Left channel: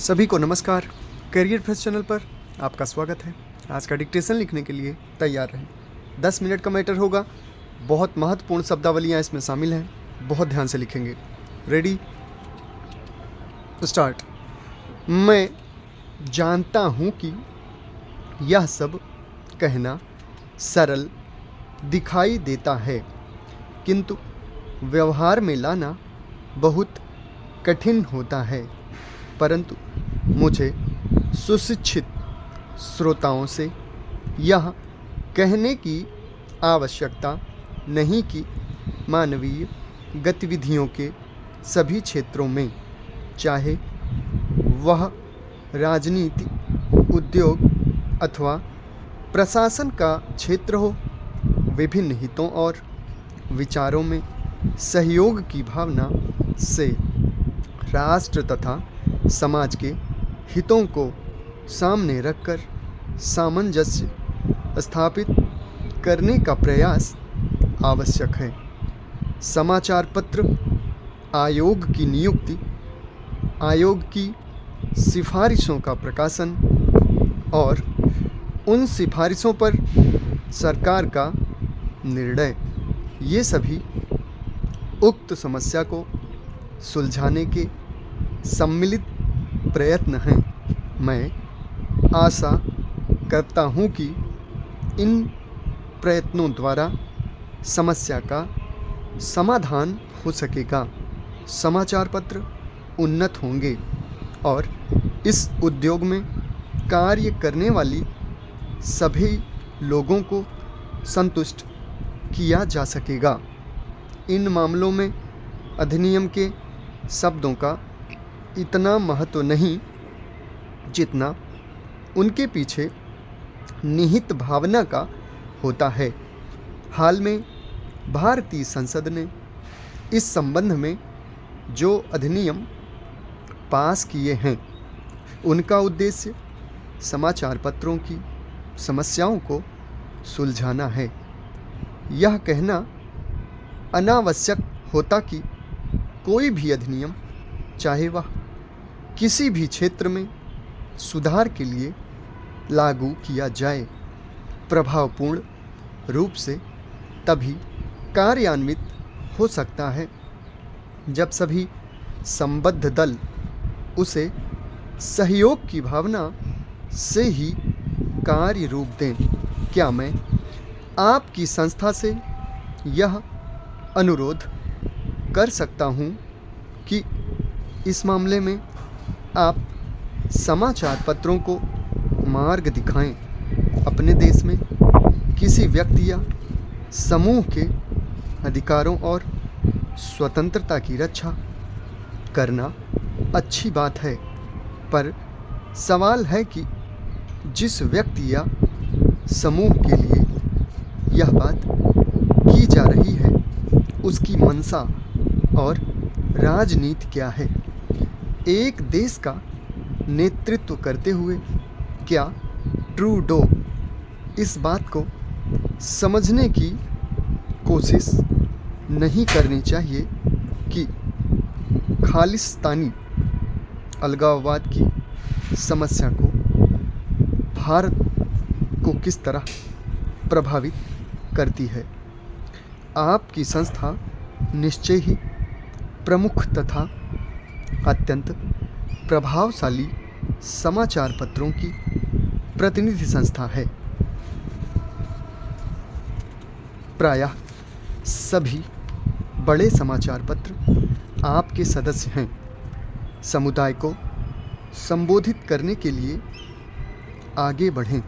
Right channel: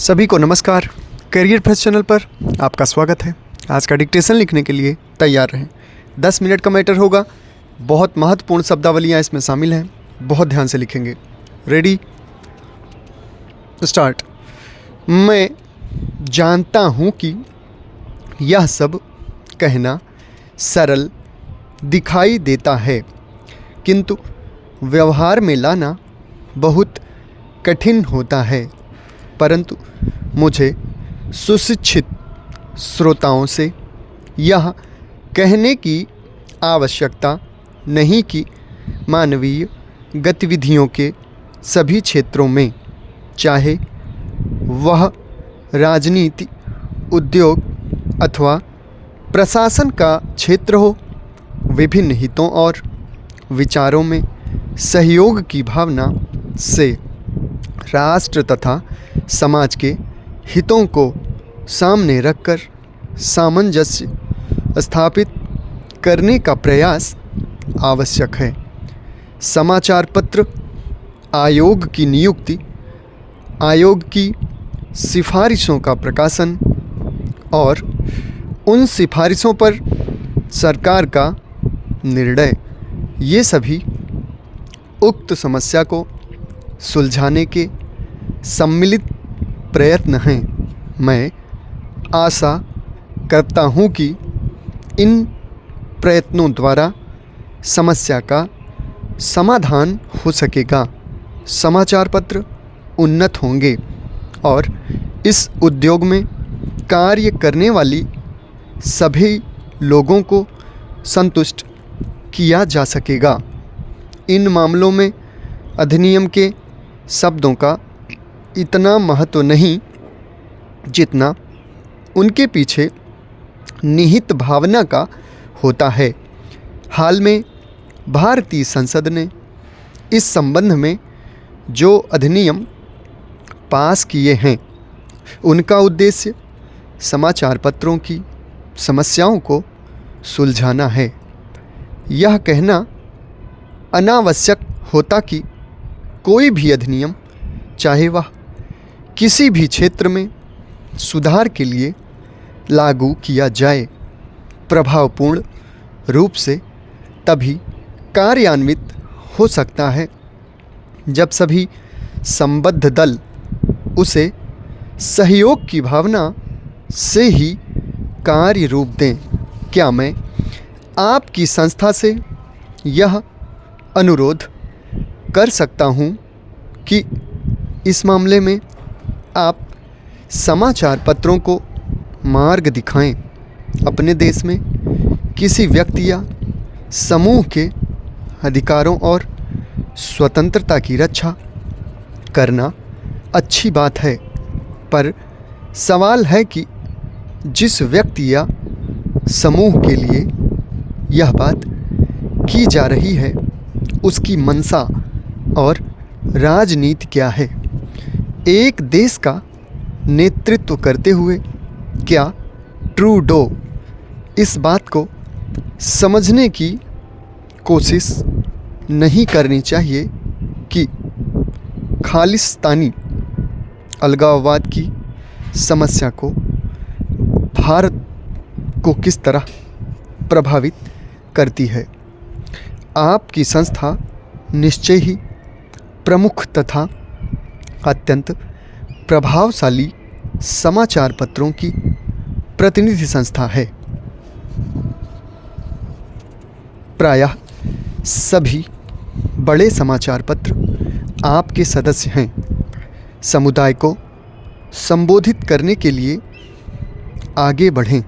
सभी को नमस्कार। करियर फर्स्ट चैनल पर आपका स्वागत है। आज का डिक्टेशन लिखने के लिए तैयार रहें। 10 मिनट का मैटर होगा। बहुत महत्वपूर्ण शब्दावलियाँ इसमें शामिल हैं, बहुत ध्यान से लिखेंगे। Ready, start. मैं जानता हूँ कि यह सब कहना सरल दिखाई देता है, किंतु व्यवहार में लाना बहुत कठिन होता है। परंतु मुझे सुशिक्षित श्रोताओं से यह कहने की आवश्यकता नहीं कि मानवीय गतिविधियों के सभी क्षेत्रों में, चाहे वह राजनीति, उद्योग अथवा प्रशासन का क्षेत्र हो, विभिन्न हितों और विचारों में सहयोग की भावना से राष्ट्र तथा समाज के हितों को सामने रखकर सामंजस्य स्थापित करने का प्रयास आवश्यक है। समाचार पत्र आयोग की नियुक्ति, आयोग की सिफारिशों का प्रकाशन और उन सिफारिशों पर सरकार का निर्णय, ये सभी उक्त समस्या को सुलझाने के सम्मिलित प्रयत्न हैं। मैं आशा करता हूँ कि इन प्रयत्नों द्वारा समस्या का समाधान हो सकेगा, समाचार पत्र उन्नत होंगे और इस उद्योग में कार्य करने वाली सभी लोगों को संतुष्ट किया जा सकेगा। इन मामलों में अधिनियम के शब्दों का इतना महत्व नहीं जितना उनके पीछे निहित भावना का होता है। हाल में भारतीय संसद ने इस संबंध में जो अधिनियम पास किए हैं, उनका उद्देश्य समाचार पत्रों की समस्याओं को सुलझाना है। यह कहना अनावश्यक होता कि कोई भी अधिनियम, चाहे वह किसी भी क्षेत्र में सुधार के लिए लागू किया जाए, प्रभावपूर्ण रूप से तभी कार्यान्वित हो सकता है जब सभी संबद्ध दल उसे सहयोग की भावना से ही कार्य रूप दें। क्या मैं आपकी संस्था से यह अनुरोध कर सकता हूँ कि इस मामले में आप समाचार पत्रों को मार्ग दिखाएं। अपने देश में किसी व्यक्ति या समूह के अधिकारों और स्वतंत्रता की रक्षा करना अच्छी बात है, पर सवाल है कि जिस व्यक्ति या समूह के लिए यह बात की जा रही है, उसकी मंशा और राजनीति क्या है। एक देश का नेतृत्व करते हुए क्या ट्रूडो इस बात को समझने की कोशिश नहीं करनी चाहिए कि खालिस्तानी अलगाववाद की समस्या को भारत को किस तरह प्रभावित करती है। आपकी संस्था निश्चय ही प्रमुख तथा अत्यंत प्रभावशाली समाचार पत्रों की प्रतिनिधि संस्था है। प्रायः सभी बड़े समाचार पत्र आपके सदस्य हैं। समुदाय को संबोधित करने के लिए आगे बढ़ें।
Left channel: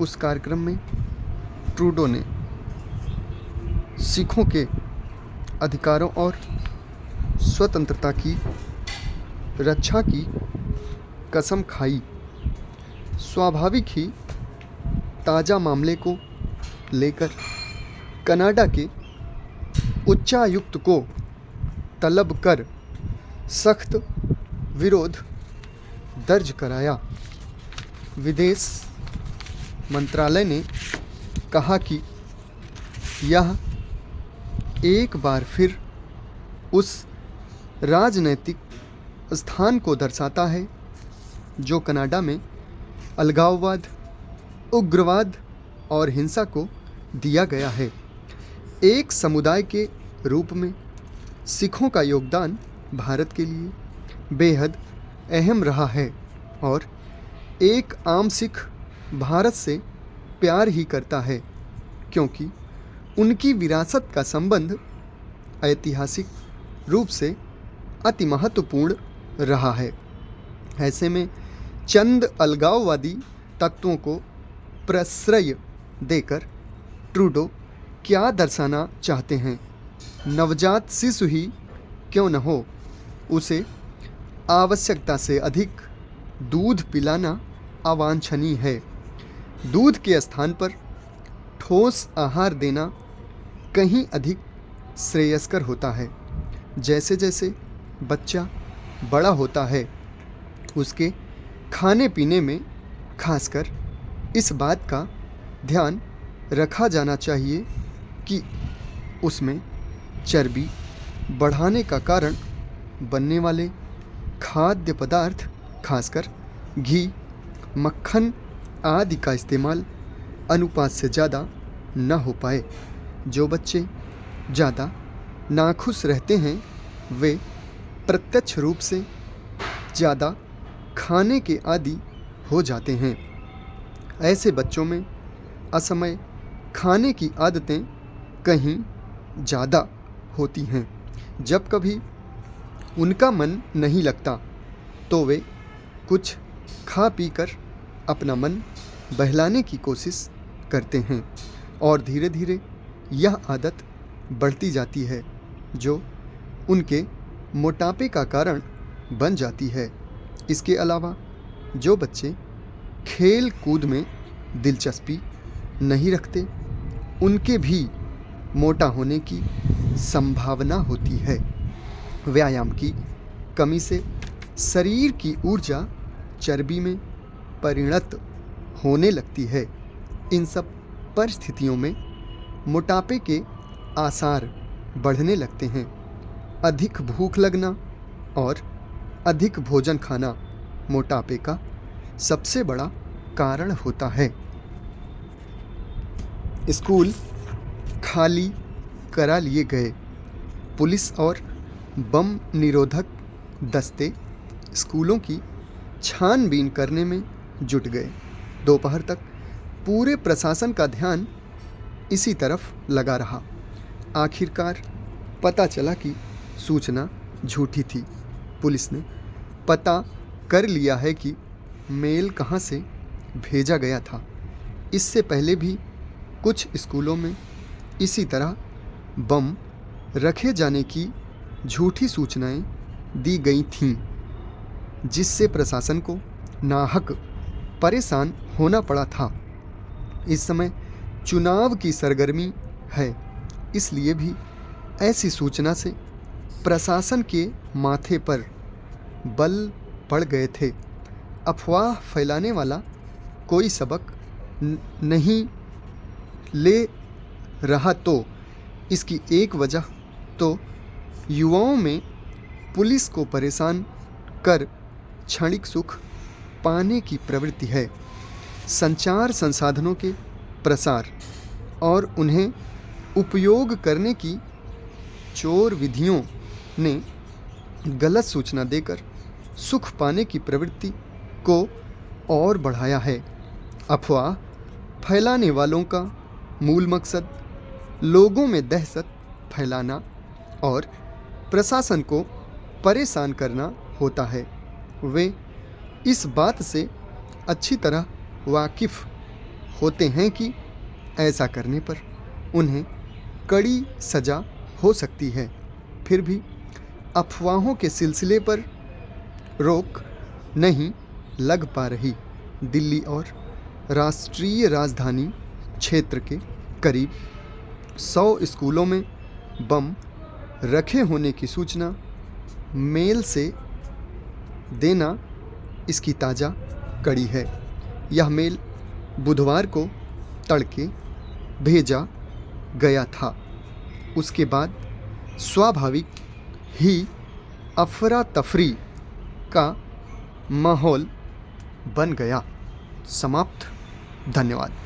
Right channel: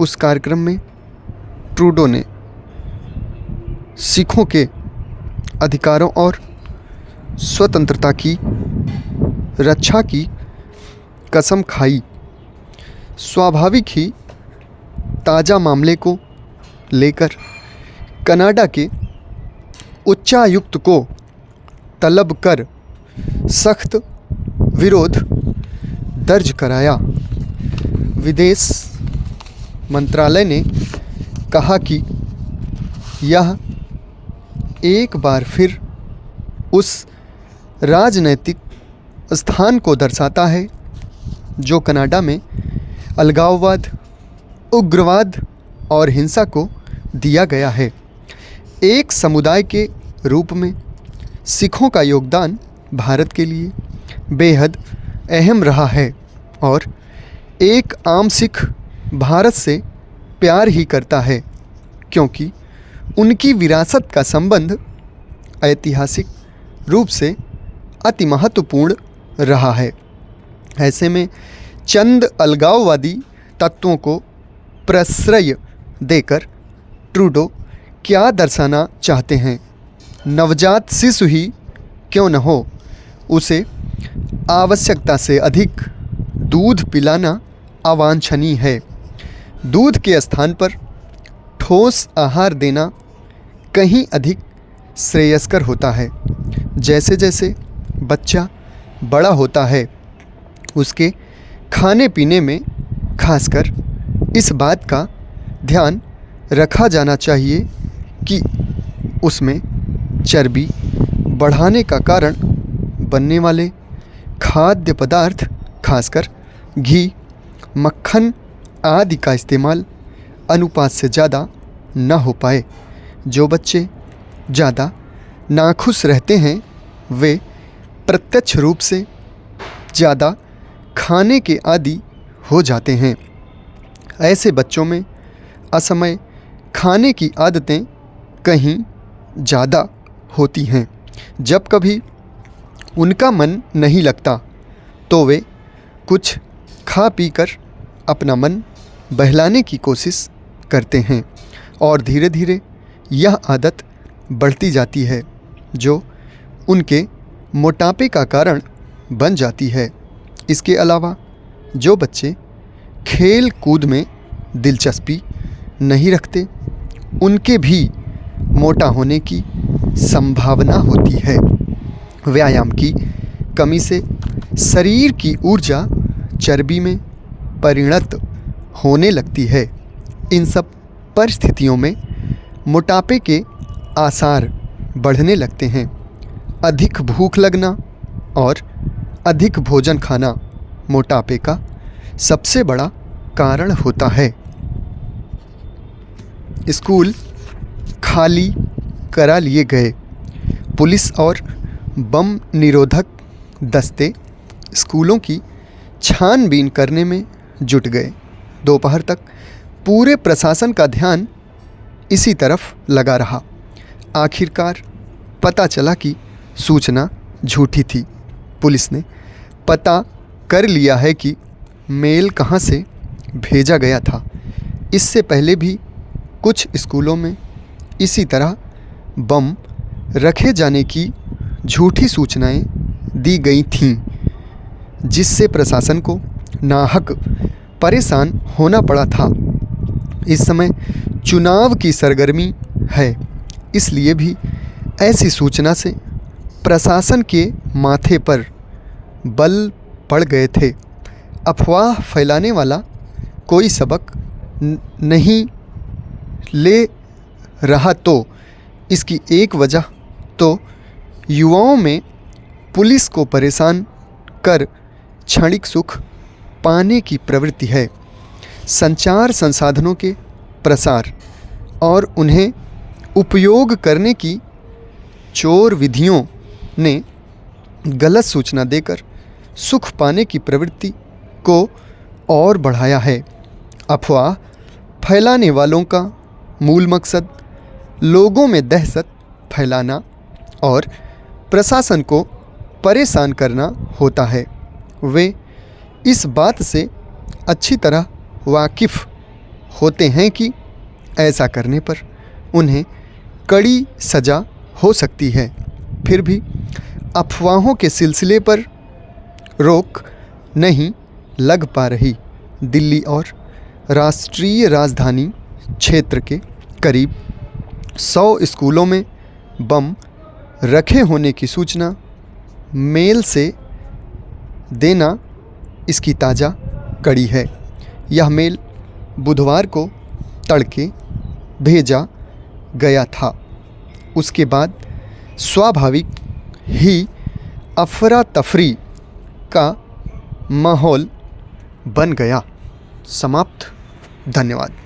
उस कार्यक्रम में ट्रूडो ने सिखों के अधिकारों और स्वतंत्रता की रक्षा की कसम खाई। स्वाभाविक ही ताज़ा मामले को लेकर कनाडा के उच्चायुक्त को तलब कर सख्त विरोध दर्ज कराया। विदेश मंत्रालय ने कहा कि यह एक बार फिर उस राजनैतिक स्थान को दर्शाता है जो कनाडा में अलगाववाद, उग्रवाद और हिंसा को दिया गया है। एक समुदाय के रूप में सिखों का योगदान भारत के लिए बेहद अहम रहा है और एक आम सिख भारत से प्यार ही करता है क्योंकि उनकी विरासत का संबंध ऐतिहासिक रूप से अति महत्वपूर्ण रहा है। ऐसे में चंद अलगाववादी तत्वों को प्रश्रय देकर ट्रूडो क्या दर्शाना चाहते हैं? नवजात शिशु ही क्यों न हो, उसे आवश्यकता से अधिक दूध पिलाना अवांछनीय है। दूध के स्थान पर ठोस आहार देना कहीं अधिक श्रेयस्कर होता है। जैसे जैसे बच्चा बड़ा होता है उसके खाने पीने में खासकर इस बात का ध्यान रखा जाना चाहिए कि उसमें चर्बी बढ़ाने का कारण बनने वाले खाद्य पदार्थ खासकर घी, मक्खन आदि का इस्तेमाल अनुपात से ज़्यादा न हो पाए। जो बच्चे ज़्यादा नाखुश रहते हैं वे प्रत्यक्ष रूप से ज़्यादा खाने के आदी हो जाते हैं। ऐसे बच्चों में असमय खाने की आदतें कहीं ज़्यादा होती हैं। जब कभी उनका मन नहीं लगता तो वे कुछ खा पी कर अपना मन बहलाने की कोशिश करते हैं और धीरे धीरे यह आदत बढ़ती जाती है जो उनके मोटापे का कारण बन जाती है। इसके अलावा जो बच्चे खेल कूद में दिलचस्पी नहीं रखते उनके भी मोटा होने की संभावना होती है। व्यायाम की कमी से शरीर की ऊर्जा चर्बी में परिणत होने लगती है। इन सब परिस्थितियों में मोटापे के आसार बढ़ने लगते हैं। अधिक भूख लगना और अधिक भोजन खाना मोटापे का सबसे बड़ा कारण होता है। स्कूल खाली करा लिए गए। पुलिस और बम निरोधक दस्ते स्कूलों की छानबीन करने में जुट गए। दोपहर तक पूरे प्रशासन का ध्यान इसी तरफ लगा रहा। आखिरकार पता चला कि सूचना झूठी थी। पुलिस ने पता कर लिया है कि मेल कहां से भेजा गया था। इससे पहले भी कुछ स्कूलों में इसी तरह बम रखे जाने की झूठी सूचनाएं दी गई थीं, जिससे प्रशासन को नाहक परेशान होना पड़ा था। इस समय चुनाव की सरगर्मी है, इसलिए भी ऐसी सूचना से प्रशासन के माथे पर बल पड़ गए थे। अफवाह फैलाने वाला कोई सबक नहीं ले रहा तो इसकी एक वजह तो युवाओं में पुलिस को परेशान कर क्षणिक सुख पाने की प्रवृत्ति है। संचार संसाधनों के प्रसार और उन्हें उपयोग करने की चोर विधियों ने गलत सूचना देकर सुख पाने की प्रवृत्ति को और बढ़ाया है। अफवाह फैलाने वालों का मूल मकसद लोगों में दहशत फैलाना और प्रशासन को परेशान करना होता है। वे इस बात से अच्छी तरह वाकिफ़ होते हैं कि ऐसा करने पर उन्हें कड़ी सज़ा हो सकती है। फिर भी अफवाहों के सिलसिले पर रोक नहीं लग पा रही। दिल्ली और राष्ट्रीय राजधानी क्षेत्र के करीब 100 स्कूलों में बम रखे होने की सूचना मेल से देना इसकी ताज़ा कड़ी है। यह मेल बुधवार को तड़के भेजा गया था। उसके बाद स्वाभाविक ही अफरा तफरी का माहौल बन गया। समाप्त। धन्यवाद।